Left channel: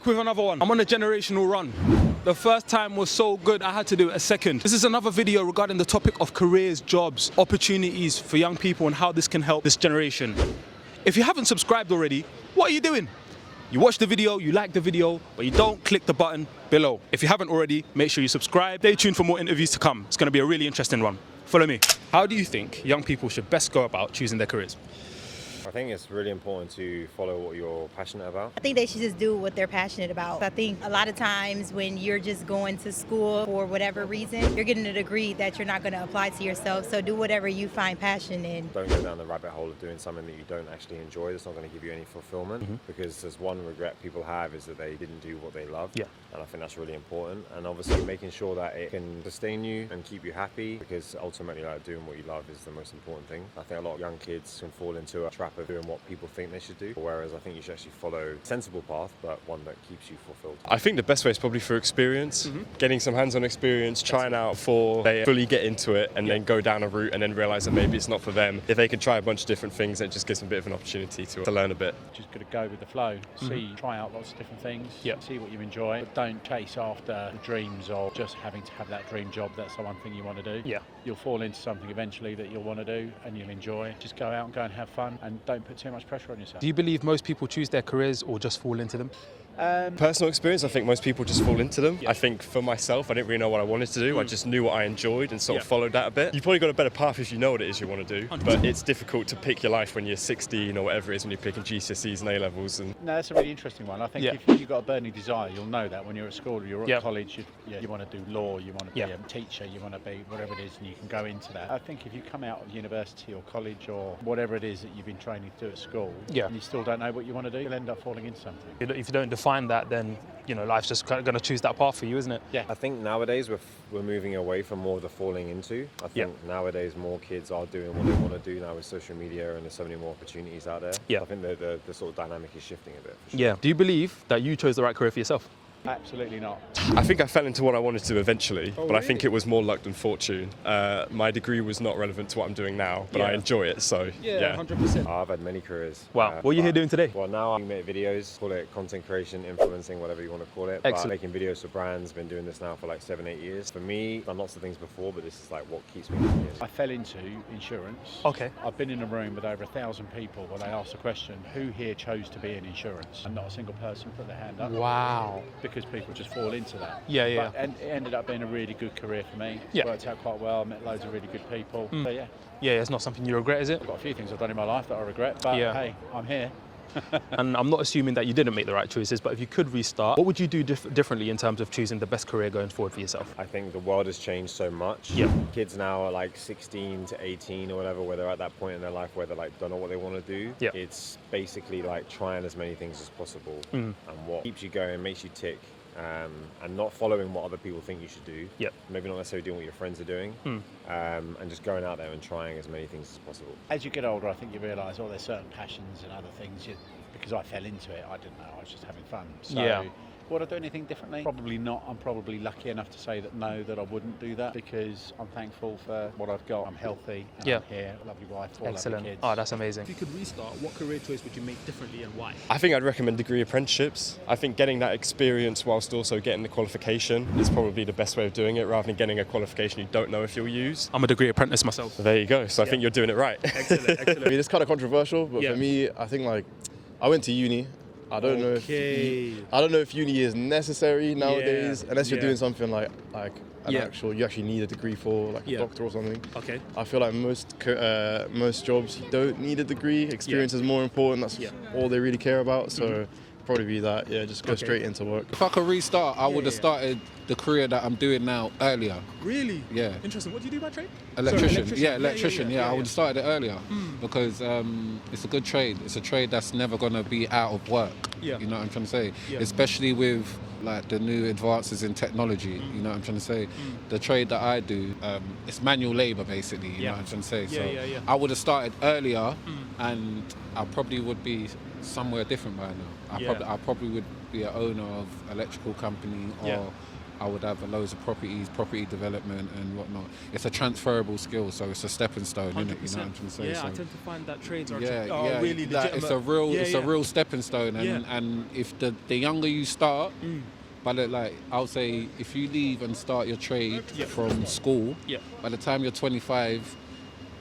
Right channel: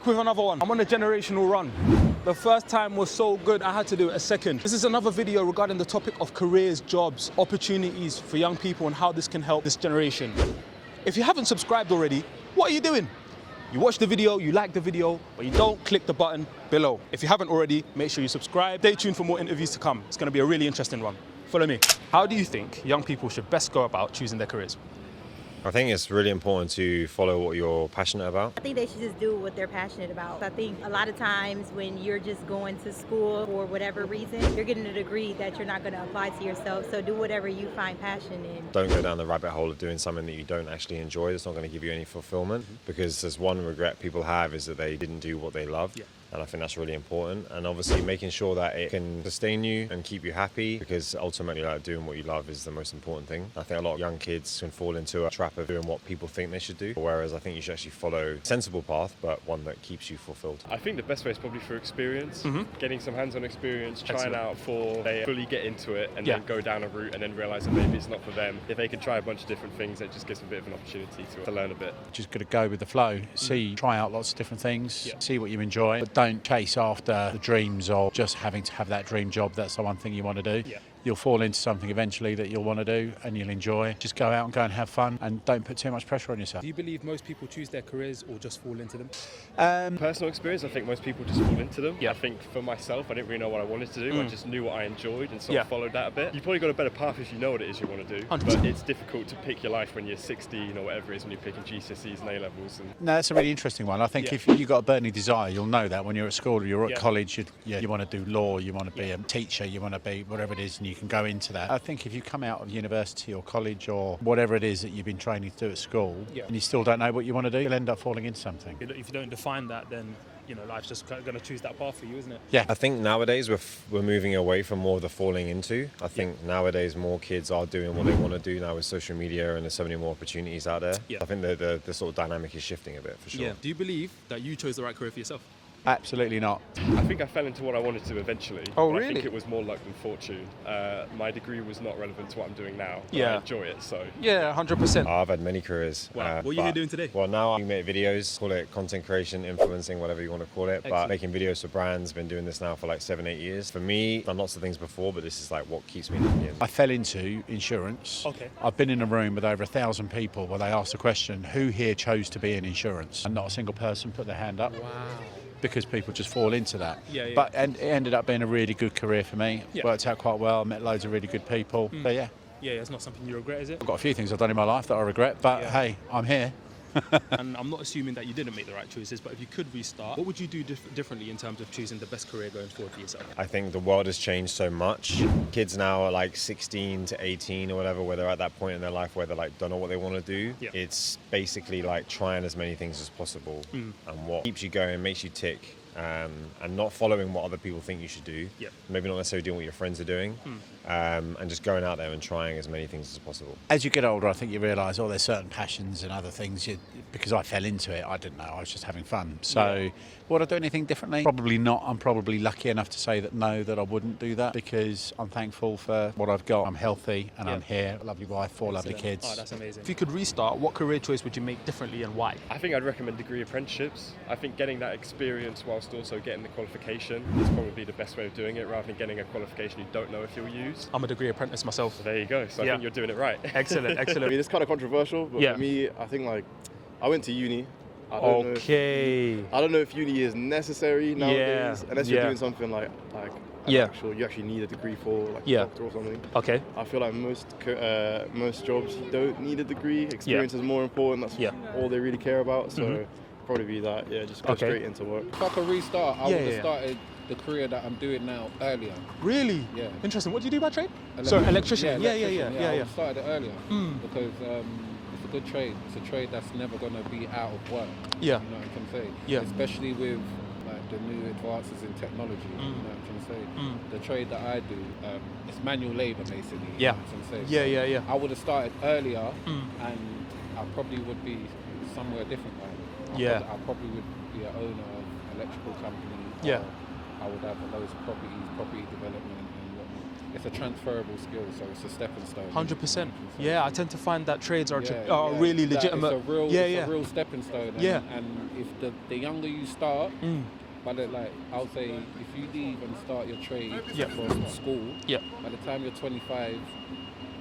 Back with another one. I'm on a generational run. The first time was so good, I had to do a second. This is another video regarding the topic of careers, jobs, opportunities for young people and how this can help this generation. If you haven't subscribed already, what are you doing? You watch the video, you like the video, but you don't click the button below. If you haven't already, make sure you subscribe. Stay tuned for more interviews to come. It's gonna be a really interesting one. Follow me. How do you think young people should best go about choosing their careers? I think it's really important to follow what you're passionate about. I think they should just do what they're passionate about. I think a lot of times when you're just going to school for whatever reason, you're getting a degree that you're not going to apply to yourself. So do whatever you find passion in. Don't go down the rabbit hole of doing something that you don't actually enjoy. It's not going to give you any fulfillment because there's one regret people have is that they didn't do what they love. Yeah. And I think that's really important. And obviously making sure that it can sustain you and keep you happy, because ultimately doing what you love is the most important thing. I think a lot of young kids can fall into a trap of doing what people think they should do, whereas I think you should actually follow a sensible path, but one that keeps you fulfilled. I think the best way is probably through experience, getting some hands-on experience, trying out before they fully get into it and then go down a route and then realise that maybe it's not for them. If they could try a bunch of different things, it just gives them a bit of an opportunity to learn a bit. Just got to go with the flow, try out lots of different things, see what you enjoy, but don't chase after the dreams of just having to have that dream job. That's the one thing you want to do. You'll fall into something eventually that you'll want to do and you'll enjoy. Just go out and have fun and don't put too much pressure on yourself. Do you believe most people choose their careers or just fall into them? Personal experience, I think most people just fall into them. I think for myself, I didn't really know what I wanted to do. I just knew what I enjoyed and sort of followed that a bit. You've probably got a better path if you know what it is you want to do. 100%. But it's difficult to pick your life when you're 16 or whatever it is when you're picking GCSEs and A-levels. And No, that's a really interesting one. I think if you've got a burning desire, you'll know that when you're at school or you're at college, you want to do law, you want to be a teacher, you want to be whatever it is, and you can go into that. I think if you come out of university or college or whatever it is that you've been training to do at school, and you still don't know what you want to do, you'll end up falling into something. If you don't define that, then life's just going to choose that path for you, isn't it? Yeah. I think nowadays we're moving away from more of the falling into. I think nowadays more kids are doing what they want to do now with social media, and there's so many more opportunities out there. I think the sort of dynamic is shifting a bit, for sure. Do you believe that you chose the right career for yourself? Absolutely not. I think I fell into what I wanted to eventually, but really? I think it was more luck than fortune. My degree was not relevant to what I'm doing now, but I enjoy it, so 100%. I've had many careers. Wow. What are you here doing today? Well, now I make videos, call it content creation, influencing, whatever you want to call it. Excellent. But making videos for brands, been doing this now for like 7-8 years. For me, I've done lots of things before, but this is like what keeps me doing it. I fell into insurance. Okay. I've been in a room with over 1,000 people where they asked the question, who here chose to be in insurance? And not a single person put their hand up. Wow. Because people just fall into that. But and it ended up being a really good career for me. Worked out quite well, met loads of really good people. So it's not something you regret, is it? I've got a few things I've done in my life that I regret, but hey, I'm here. And I'm not assuming that you didn't make the right choices, but if you could restart, what would you do differently in terms of choosing the best career going forward for yourself? I think the world has changed so much. Kids now are like 16 to 18 or whatever, where they're at that point in their life where they're like, don't know what they want to do. It's basically like trying as many things as possible, and what keeps you going and makes you tick. And not following what other people think you should do. Maybe not necessarily doing what your friends are doing. And just going out there and trying as many things as possible. As you get older, I think you realise, there's certain passions and other things. Because I fell into it, I didn't know, I was just having fun. So would I do anything differently? Probably not. I'm probably lucky enough to say that I wouldn't do that, because I'm thankful for what I've got. I'm healthy and I'm here, a lovely wife, 4 lovely kids. Oh, that's amazing. If you could restart, what career choice would you make differently and why? I think I'd recommend degree apprenticeships. I think getting that experience whilst also getting the qualification is probably the best way of doing it, rather than getting a qualification you don't know if you'll use. I'm a degree apprentice myself. There you go. So I think you're doing it right. Excellent. I mean, it's kind of controversial, but for me, I think I went to uni. I don't know if uni is necessary nowadays, unless you're doing something like you actually need a degree for, like a doctor or something. Okay. I feel like most jobs you don't need a degree. Experience is more important. That's all they really care about. So probably be that. Just go straight into work. If I could restart, I would have started the career that I'm doing now earlier. Really? Yeah. Interesting. What do you do by trade? Electrician. I would have started it earlier because it's a good trade. It's a trade that's never going to be out of work. You know what I'm trying to say? Especially with like the new advances in technology. You know what I'm trying to say? The trade that I do, it's manual labour basically. You know what I'm trying to say? I would have started earlier, and I probably would be somewhere different by now. I probably would be an owner of electrical company or I would have loads of property development and whatnot. It's a transferable skill, so it's a stepping stone. 100%. Yeah, I tend to find that trades are yeah, really that legitimate. It's a real stepping stone, and if the younger you start, but I'll say, if you leave and start your trade from school, by the time you're 25,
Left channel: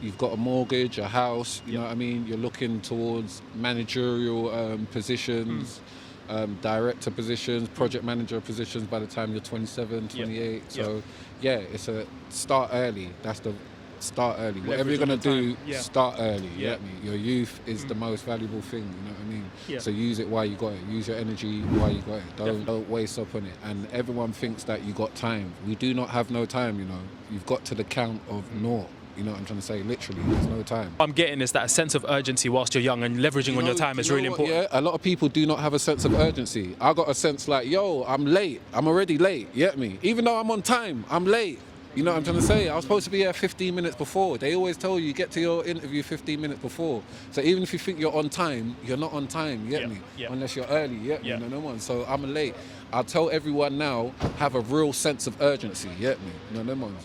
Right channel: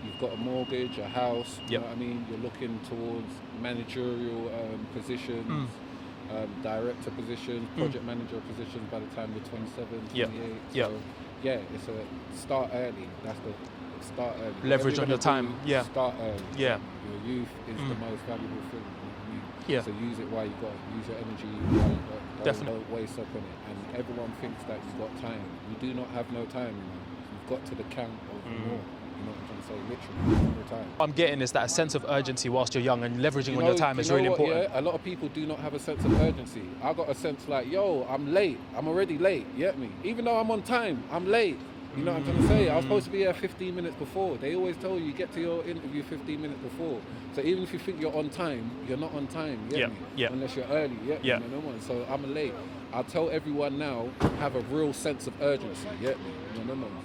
you've got a mortgage, a house. You know what I mean? You're looking towards managerial positions. Director positions, project manager positions by the time you're 27, 28. So, it's a start early. That's the start early. Whatever you're going to do, start early. You know what I mean? Your youth is the most valuable thing. You know what I mean? Yeah. So use it while you got it. Use your energy while you got it. Don't waste up on it. And everyone thinks that you got time. We do not have no time, you know. You've got to the count of naught. You know what I'm trying to say? Literally, there's no time. I'm getting is that a sense of urgency whilst you're young and leveraging on your time is really important. Yeah, a lot of people do not have a sense of urgency. I got a sense like, yo, I'm late. I'm already late. You get me? Even though I'm on time, I'm late. You know what I'm trying to say? I was supposed to be here 15 minutes before. They always tell you get to your interview 15 minutes before. So even if you think you're on time, you're not on time. You get me? Unless you're early. You get me? No one. So I'm late. I'll tell everyone now, have a real sense of urgency, you get me?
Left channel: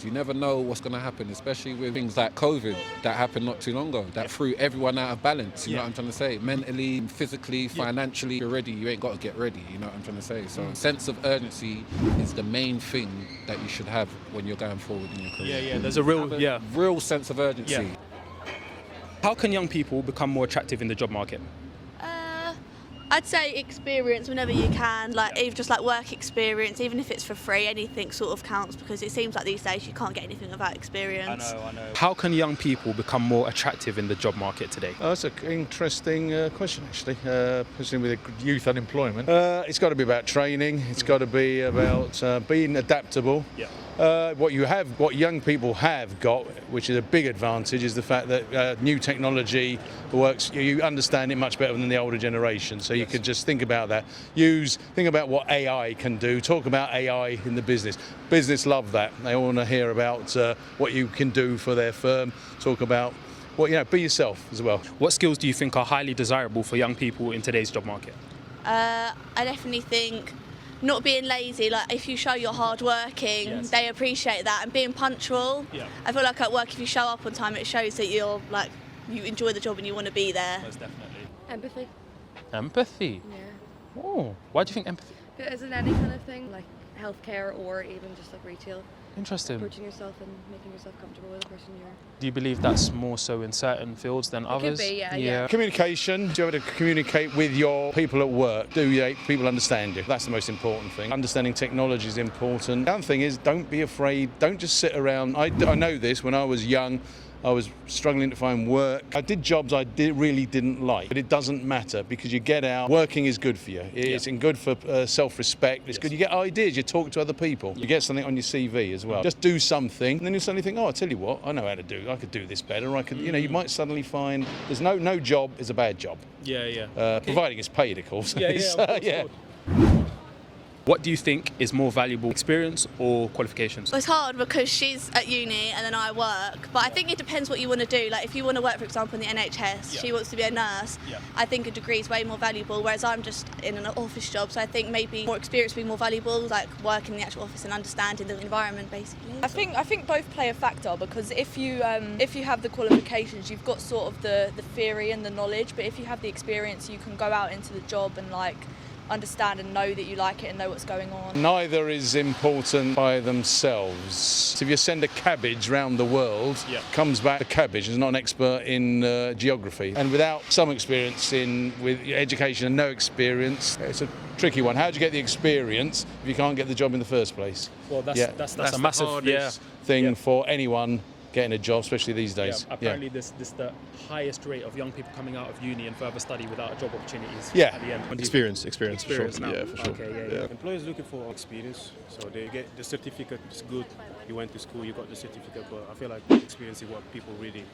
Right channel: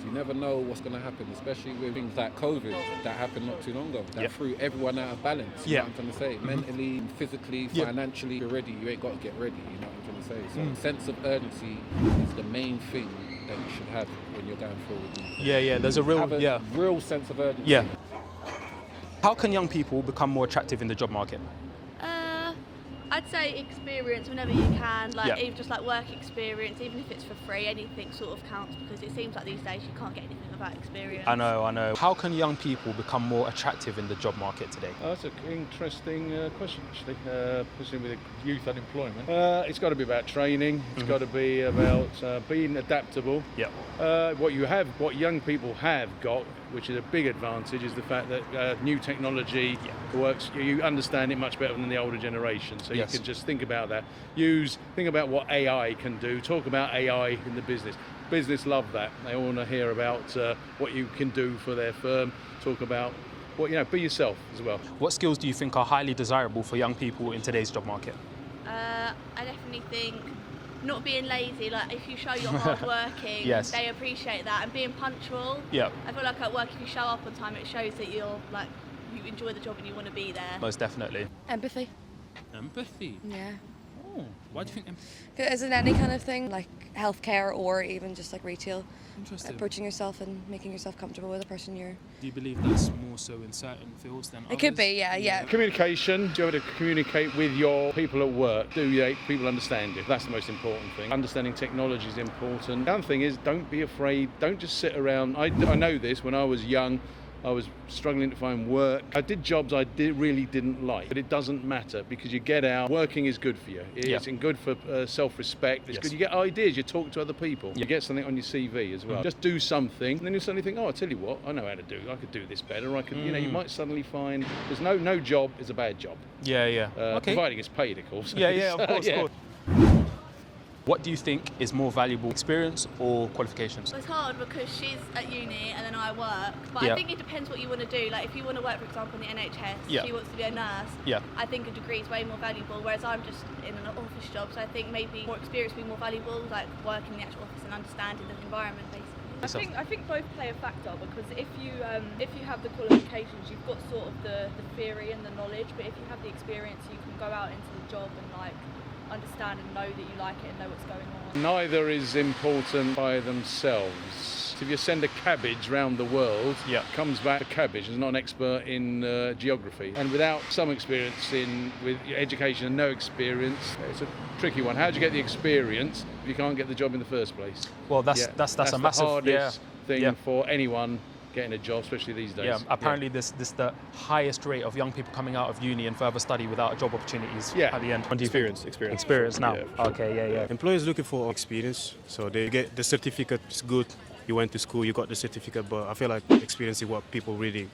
You never know what's going to happen, especially with things like COVID that happened not too long ago, that threw everyone out of balance, you know what I'm trying to say? Mentally, physically, financially, you're ready, you ain't got to get ready, you know what I'm trying to say? So sense of urgency is the main thing that you should have when you're going forward in your career. There's a real sense of urgency. How can young people become more attractive in the job market? I'd say experience whenever you can, even just like work experience, even if it's for free, anything sort of counts, because it seems like these days you can't get anything without experience. I know. How can young people become more attractive in the job market today? That's an interesting question, actually, especially with youth unemployment. It's got to be about training. It's got to be about being adaptable. What young people have got, which is a big advantage, is the fact that new technology works. You understand it much better than the older generation. So you could just think about that. Think about what AI can do. Talk about AI in the business. Business love that. They all want to hear about what you can do for their firm. Talk about be yourself as well. What skills do you think are highly desirable for young people in today's job market? I definitely think not being lazy, like if you show you're hard working, they appreciate that, and being punctual. I feel like at work, if you show up on time, it shows that you're like, you enjoy the job and you want to be there. Most definitely. Empathy. Empathy? Yeah. Oh, why do you think empathy? Is it any kind of thing, like healthcare or even just like retail? Interesting. Approaching yourself and making yourself comfortable with the person you're... Do you believe that's more so in certain fields than others? It could be, yeah. Communication. Do you have to communicate with your people at work? Do people understand you? That's the most important thing. Understanding technology is important. The other thing is, don't be afraid. Don't just sit around. I know this. When I was young, I was struggling to find work. I did jobs I really didn't like, but it doesn't matter because you get out. Working is good for you. It's good for self-respect. It's good. You get ideas. You talk to other people. You get something on your CV as well. Just do something, and then you suddenly think, oh, I tell you what, I know how to do. I could do this better. I could, you might suddenly find there's no job is a bad job. Providing it's paid, of course. Of course. What do you think is more valuable, experience or qualifications? Well, it's hard because she's at uni and then I work, but I think it depends what you want to do. Like if you want to work, for example, in the NHS, she wants to be a nurse, I think a degree is way more valuable, whereas I'm just in an office job, so I think maybe more experience would be more valuable, like working in the actual office and understanding the environment, basically. I think both play a factor, because if you have the qualifications, you've got sort of the theory and the knowledge, but if you have the experience, you can go out into the job and like understand and know that you like it and know what's going on. Neither is important by themselves. If you send a cabbage round the world, comes back a cabbage. Is not an expert in geography. And without some experience with education and no experience, it's a tricky one. How do you get the experience if you can't get the job in the first place? Well, that's a the massive hardest thing for anyone getting a job, especially these days. Apparently this the highest rate of young people coming out of uni and further study without job opportunities at the end. Experience now. Sure. Okay. Employers looking for experience, so they get the certificate. It's good. You went to school, you got the certificate, but I feel like experience is what people really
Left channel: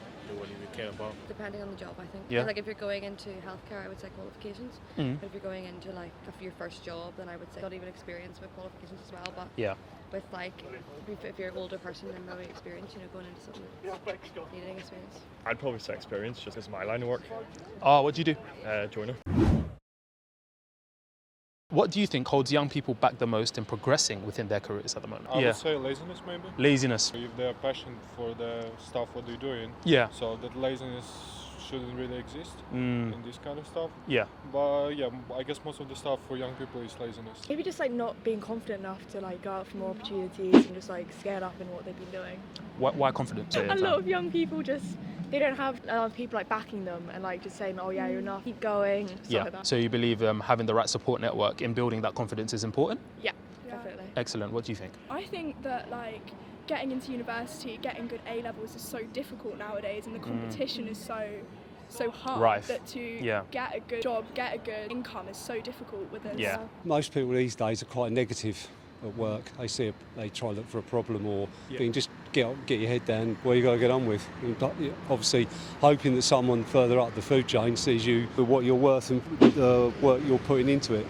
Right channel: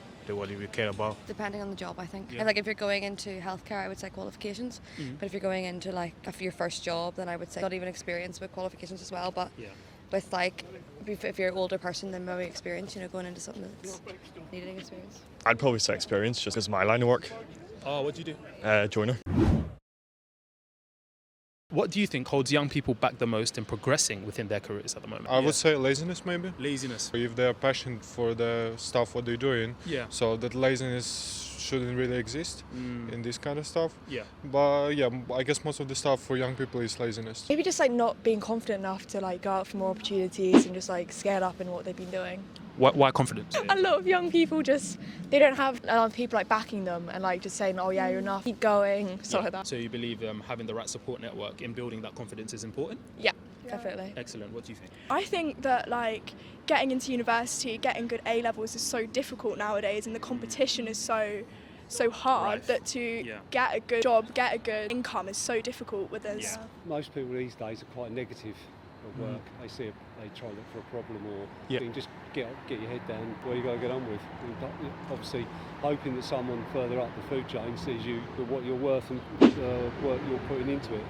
care about. Depending on the job, I think. Like if you're going into healthcare, I would say qualifications. But if you're going into like your first job, then I would say not even experience, but qualifications as well. But with like, if you're an older person, then maybe experience, going into something that's needing experience. I'd probably say experience, just as my line of work. Oh, what do you do? Joiner. What do you think holds young people back the most in progressing within their careers at the moment? I would say laziness, maybe. Laziness. If they're passionate for the stuff what they're doing, so that laziness shouldn't really exist in this kind of stuff. But yeah, I guess most of the stuff for young people is laziness. Maybe just like not being confident enough to like go out for more opportunities and just like scared up in what they've been doing. Why confidence? A lot of young people just, they don't have a lot of people like backing them and like just saying, oh yeah, you're enough, keep going, stuff like that. So you believe having the right support network in building that confidence is important? Yeah, definitely. Excellent. What do you think? I think that like getting into university, getting good A levels is so difficult nowadays, and the competition is so hard that to get a good job, get a good income is so difficult with us. Most people these days are quite negative at work. They try to look for a problem, or you can just get your head down where you got to get on with. But obviously, hoping that someone further up the food chain sees you for what you're worth and the work you're putting into it.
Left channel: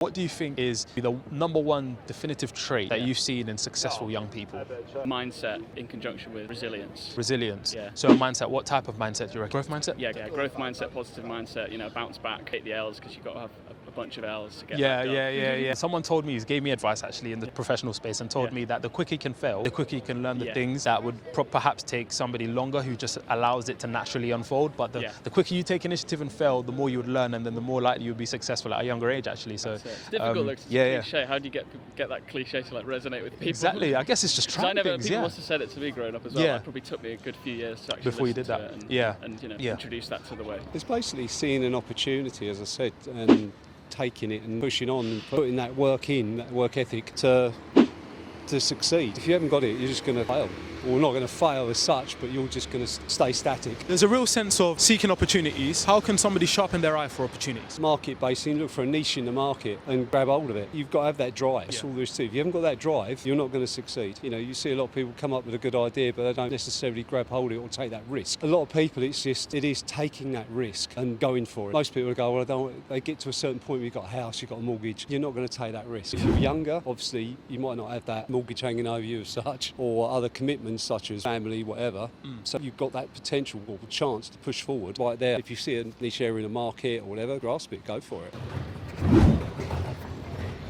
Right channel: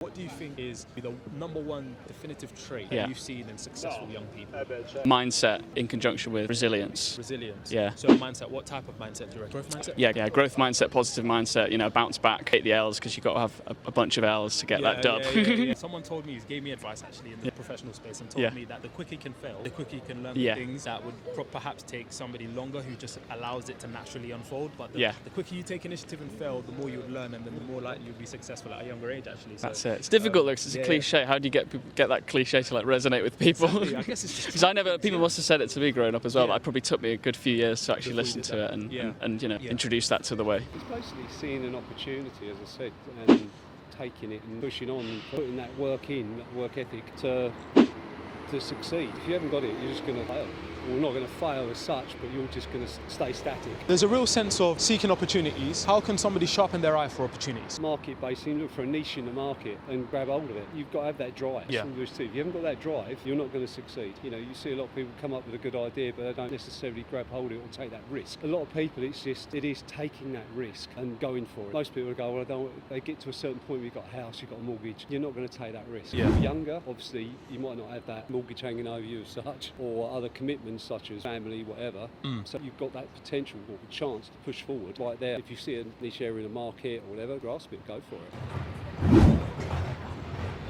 What do you think is the number one definitive trait that you've seen in successful young people? Mindset in conjunction with resilience. Resilience? Yeah. So mindset, what type of mindset do you reckon? Growth mindset? Yeah, growth mindset, positive mindset, bounce back, hit the L's, because you've got to have a bunch of L's to get that done. Yeah. Someone told me, he gave me advice actually in the professional space and told me that the quicker you can fail, the quicker you can learn the things that would perhaps take somebody longer who just allows it to naturally unfold. But the quicker you take initiative and fail, the more you would learn, and then the more likely you would be successful at a younger age actually. So it's difficult, it's a cliche. How do you get that cliche to like resonate with people? Exactly. I guess it's just because people must have said it to me growing up as well. It probably took me a good few years to actually Before listen to it and introduce that to the way. It's basically seeing an opportunity, as I said, and taking it and pushing on and putting that work in, that work ethic to succeed. If you haven't got it, you're just going to fail. Well, not going to fail as such, but you're just going to stay static. There's a real sense of seeking opportunities. How can somebody sharpen their eye for opportunities? Market-based, you look for a niche in the market and grab hold of it. You've got to have that drive. That's all there is to it. If you haven't got that drive, you're not going to succeed. You see a lot of people come up with a good idea, but they don't necessarily grab hold of it or take that risk. A lot of people, it is taking that risk and going for it. Most people go, well, they get to a certain point where you've got a house, you've got a mortgage, you're not going to take that risk. If you're younger, obviously, you might not have that mortgage hanging over you as such, or other commitments such as family, whatever. So you've got that potential or chance to push forward right there. If you see a niche area in the market or whatever, grasp it, go for it.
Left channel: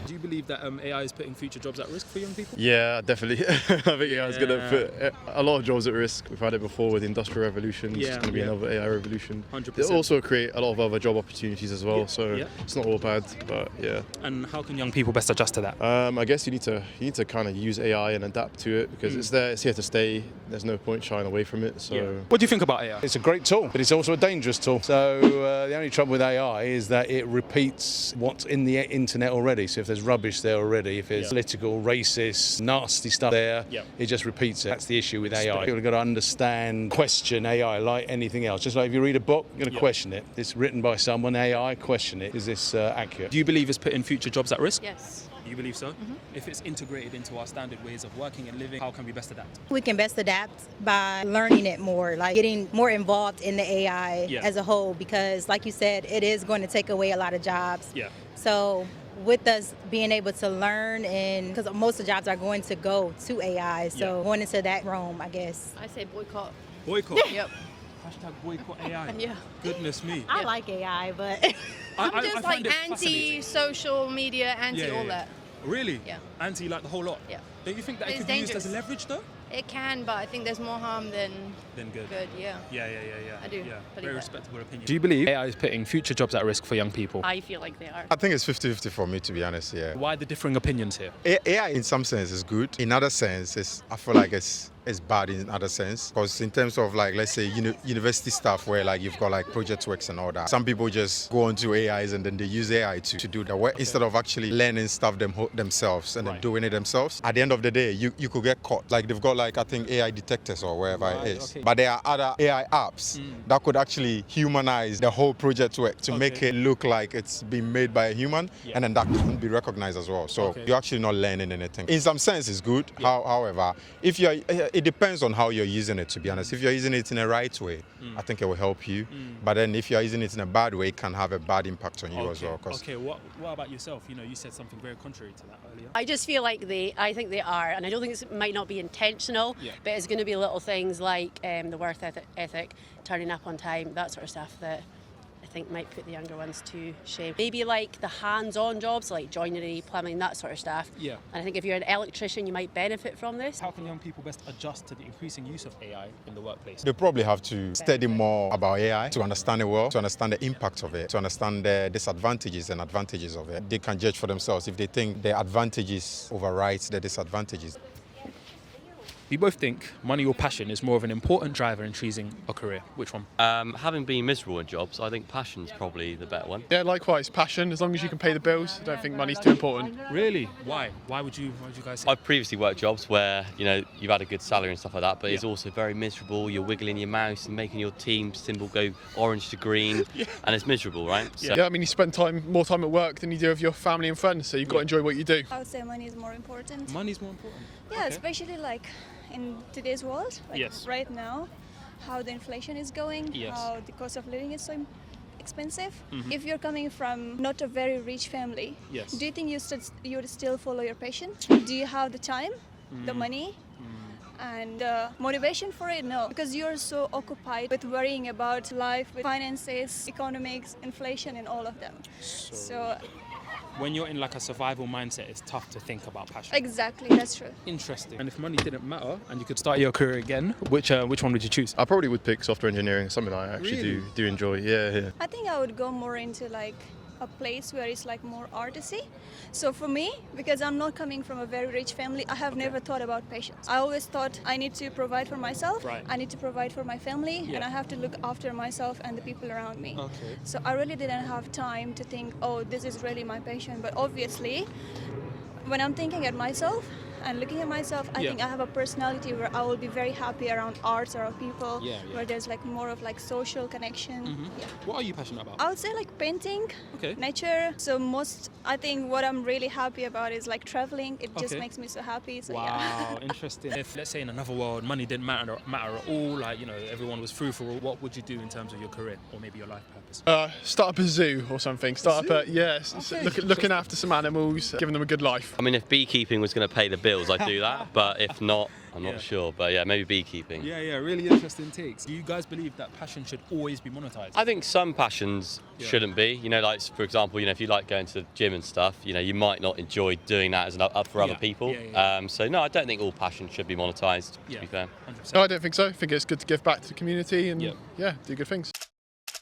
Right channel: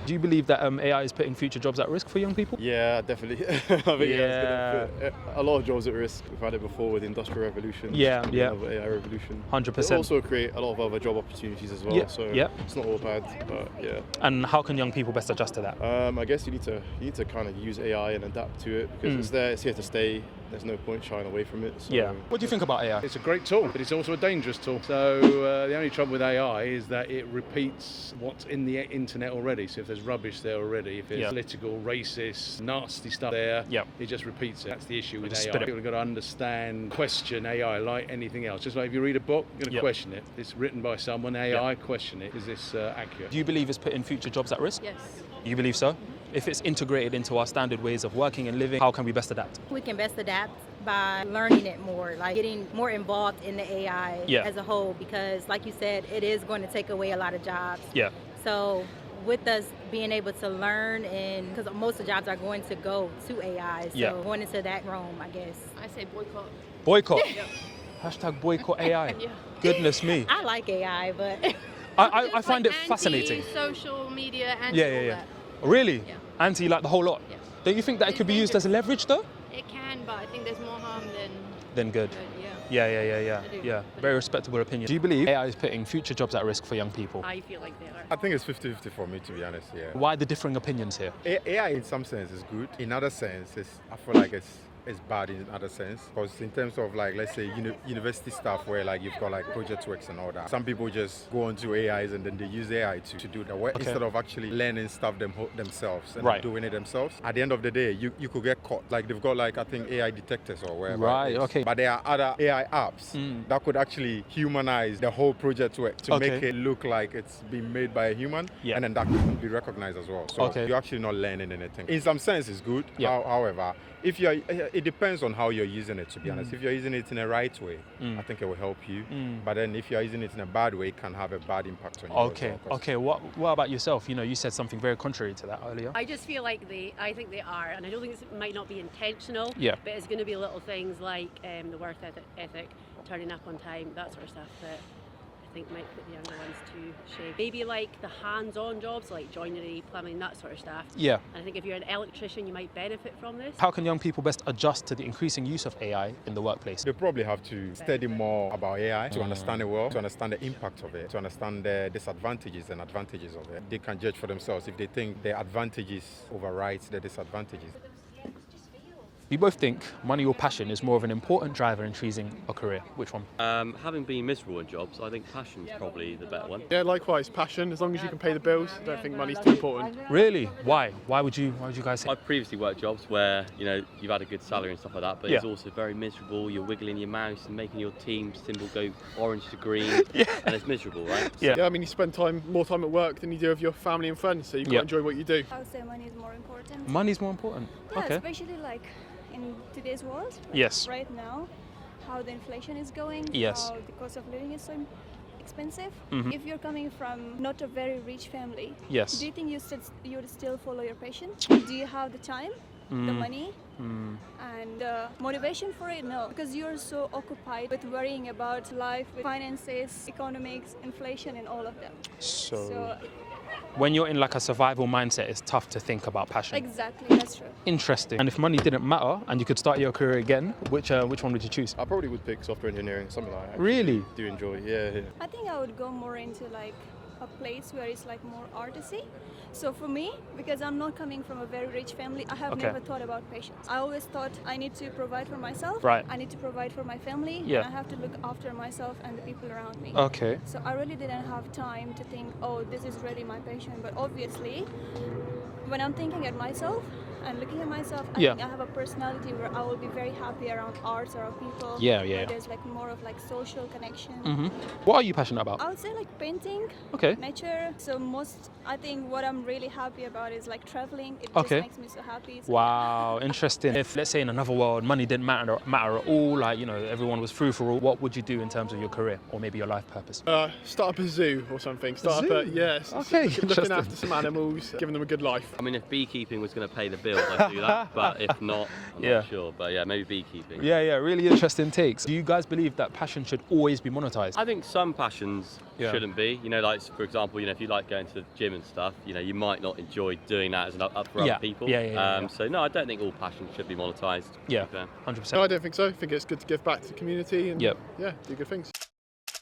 Do you believe that AI is putting future jobs at risk for young people? Yeah, definitely. I think AI is going to put a lot of jobs at risk. We've had it before with the Industrial Revolution. It's going to be another AI revolution. 100%. It'll also create a lot of other job opportunities as well. So it's not all bad, but yeah. And how can young people best adjust to that? I guess you need to kind of use AI and adapt to it because it's there. It's here to stay. There's no point shying away from it. So. What do you think about AI? It's a great tool, but it's also a dangerous tool. So the only trouble with AI is that it repeats what's in the internet already. So if there's rubbish there already, if it's political, racist, nasty stuff there, it just repeats it. That's the issue with AI. You've got to understand, question AI like anything else. Just like if you read a book, you're going to question it. It's written by someone, AI, question it. Is this accurate? Do you believe it's putting future jobs at risk? Yes. You believe so? If it's integrated into our standard ways of working and living, how can we best adapt? We can best adapt by learning it more, like getting more involved in the AI as a whole, because like you said, it is going to take away a lot of jobs. So with us being able to learn, and because most of the jobs are going to go to AI, so going into that realm, I guess. I say boycott. Boycott? Yep. Hashtag boycott AI. Goodness me. I like AI, but I find it fascinating. Social media, anti all that. Really? Yeah. Anti like the whole lot? Yeah. Don't you think that it could be used as leverage though? It can, but I think there's more harm than Good. Yeah. I do. Yeah. Very respectable opinion. Do you believe AI is putting future jobs at risk for young people? I feel like they are. I think it's 50-50 for me, to be honest, Why the differing opinions here? AI in some sense is good. In other sense, I feel like it's bad in other sense. Because in terms of like, let's say university stuff where like you've got like project works and all that. Some people just go onto AIs and then they use AI to do the work instead of actually learning stuff themselves and doing it themselves. At the end of the day, you could get caught. Like they've got like, I think AI detectors or wherever it is. But there are other AI apps that could actually humanize the whole project work to make it look like it's been made by a human, and then that can be recognized as well. So you're actually not learning anything. In some sense, it's good. However, if it depends on how you're using it, to be honest. If you're using it in the right way, I think it will help you. But then if you're using it in a bad way, it can have a bad impact on you as well. Okay, what about yourself? You said something very contrary to that earlier. I just feel like I think they are, and I don't think it might not be intentional, but it's going to be little things like the work ethic, turning up on time, that sort of stuff that I think might put the younger ones to shame. Maybe like the hands-on jobs, like joinery, plumbing, that sort of stuff. Yeah. And I think if you're an electrician, you might benefit from this. How can young people best adjust to the increasing use of AI in the workplace? They probably have to study more about AI to understand it well, to understand the impact of it, to understand the disadvantages and advantages of it. They can judge for themselves if they think the advantages override the disadvantages. We both think money or passion is more of an important driver in choosing a career. Which one? Having been miserable in jobs, I think passion's probably the better one. Yeah, likewise, passion. As long as you can pay the bills, I don't think money's too important. Really? Why? Why would you guys say? I've previously worked jobs where, you know, you've had a good salary and stuff like that, but it's also very miserable. You're wiggling your mouse and making your team symbol go orange to green, and it's miserable, right? Yeah, I mean, you spend more time at work than you do with your family and friends, so you've got to enjoy what you do. I would say money is more important. Money's more important? Yeah, okay. Especially like in today's world. Like yes. Right now, how the inflation is going, yes. how the cost of living is so expensive. Mm-hmm. If you're coming from not a very rich family, yes. do you think you would still follow your passion? Do you have the time, the money, and motivation for it? No, because you're so occupied with worrying about life, with finances, economics, inflation, and all of them. So when you're in like a survival mindset, it's tough to think about passion. Exactly, that's true. Interesting. And if money didn't matter and you could start your career again, which one would you choose? I probably would pick software engineering, something I actually do enjoy. Yeah. I think I would go more into like a place where it's like more artsy. So for me, because I'm not coming from a very rich family, I have never thought about patience. I always thought I need to provide for myself, I need to provide for my family, and I have to look after myself and the people around me. Okay. So I really didn't have time to think, oh, this is really my passion. But obviously, when I'm thinking at myself and looking at myself, I think I have a personality where I will be very happy around arts, around people, where there's like more of like social connection. Mm-hmm. What are you passionate about? I would say like painting, nature. So I think what I'm really happy about is like traveling. It just makes me so happy. So wow, interesting. If let's say in another world, money didn't matter at all, like, you know, everyone was free for all, what would you do in terms of your career or maybe your life purpose? Start up a zoo or something. Looking after some animals, giving them a good life. I mean, if beekeeping was going to pay the bills, I'd do that, but if not, I'm not sure. But yeah, maybe beekeeping. Yeah, really interesting takes. Do you guys believe that passion should always be monetized? I think some passions shouldn't be. You know, like for example, you know, if you like going to the gym and stuff, you know, you might not enjoy doing that as for other people. So no, I don't think all passion should be monetized. To be fair. 100%. No, I don't think so. I think it's good to give back to the community and do good things.